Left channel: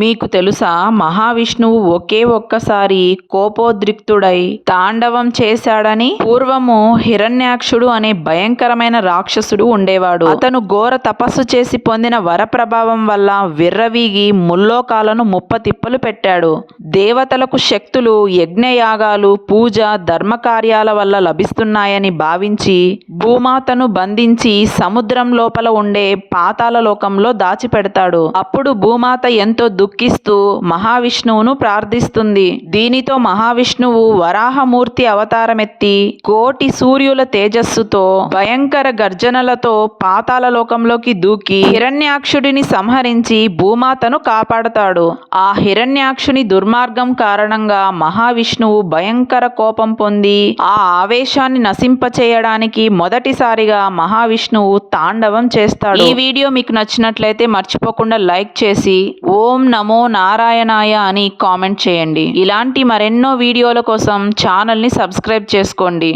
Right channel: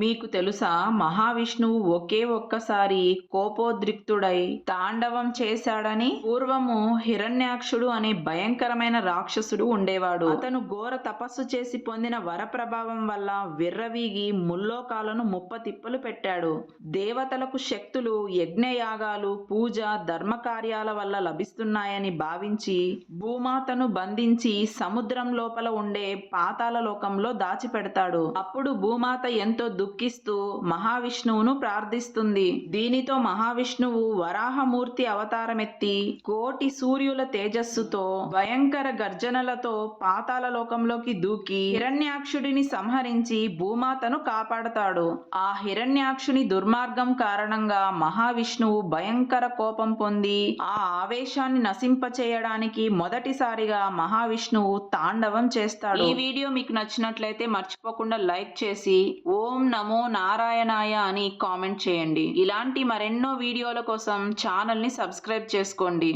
మీకు తెలుసా? మహావిష్ణువు ఒకే ఒక్కసారి కోపోద్రిక్తుడై తాండవం చేశాడని పూర్వము హిరణ్యాక్షుడు అనే భయంకరమైన రాక్షసుడు ఉండేవాడు. అతను ఘోర తపస్సు చేసి పొందిన వర ప్రభావం వల్ల విర్రవీగి ముల్లోకాలను ముప్పతిప్పలు పెట్టాడు. దేవతలకు శక్తులు యజ్ఞయాగాలు పూజ ధర్మకార్యాల వల్ల లభిస్తున్నాయని భావించి భూమాతను బంధించి సముద్రం లోపల ఉండే పాతాల లోకంలో దాచిపెడతాడు. అప్పుడు భూమాత ఎంతో దుఃఖిస్తూ మహావిష్ణువును ప్రార్థిస్తుంది. దీనితో మహావిష్ణువు వరాహమూర్తి అవతారమెత్తి కోటి సూర్యుల తేజస్సుతో భయంకర గర్జనలతో పాతాల లోకంలోకి దూకి హిరణ్యాక్షుడిని సంహరించి భూమాతను కాపాడతాడు. ఆ హిరణ్యాక్షుని దుర్మార్గం కారణంగా మహావిష్ణువు భయంకర కోపం పొంది ఆ ఆవేశాన్ని నశింపచేయడానికి మొదటిసారిగా మహావిష్ణువు తాండవం చేస్తాడు. ఈ వీడియో మీకు నచ్చినట్లయితే మర్చిపోకుండా లైక్ చేసి ఓం నమో నారాయణాయ అని కామెంట్ చేయండి. ఇలాంటి మరెన్నో వీడియోల కోసం ఛానల్ని సబ్స్క్రైబ్ చేసుకోండి.